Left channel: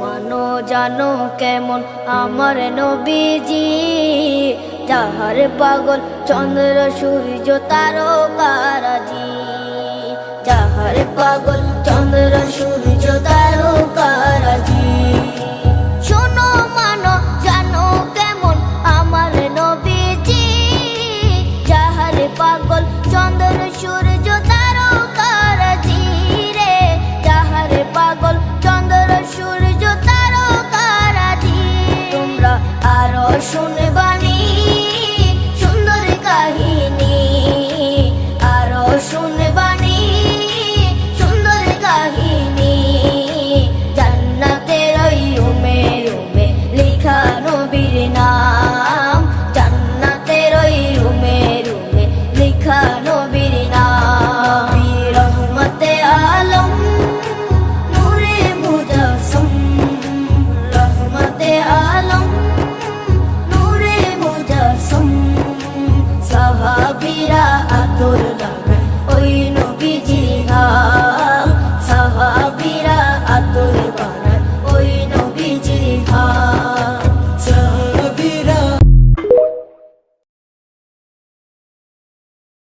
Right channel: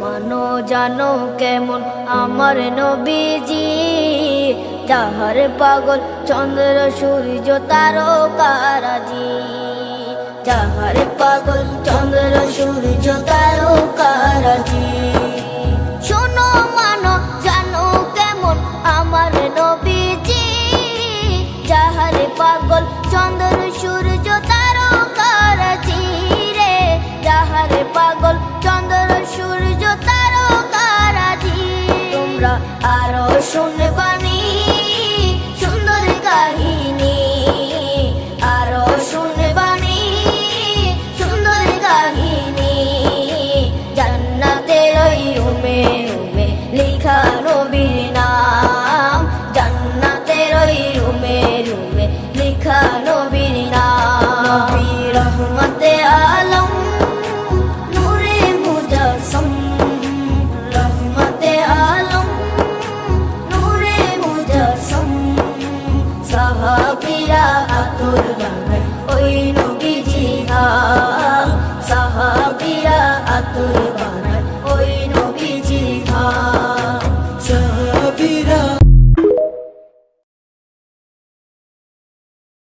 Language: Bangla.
মানো জানো কেমন আমার নবীজি, যাহার পাগল চন্দ্র সূর্য তারকারাজি, যাহার পাগল চন্দ্র সূর্য তারকারাজি। শোনো মানো জানো কেমন আমার নবীজি, যাহার পাগল চন্দ্র সূর্য তারকারাজি রে, যাহার পাগল চন্দ্র সূর্য তারকারাজি। তোমরা আরো শুনবানি সুন্দর কাহিনী, আরো শুনবানি সুন্দর কাহিনী। জান্নাতের ওই রুমে রুমে লেখা নবীর নাম, জান্নাতের ওই রুমে রুমে লেখা নবীর নাম। নবী রহমতে আলম নূরে মুজাসসম, রহমতে আলম নূরে মুজাসসম। সাহাবীরা আতর বানায় ওই নবীজির হাম, সাহাবীরা আতর বানায়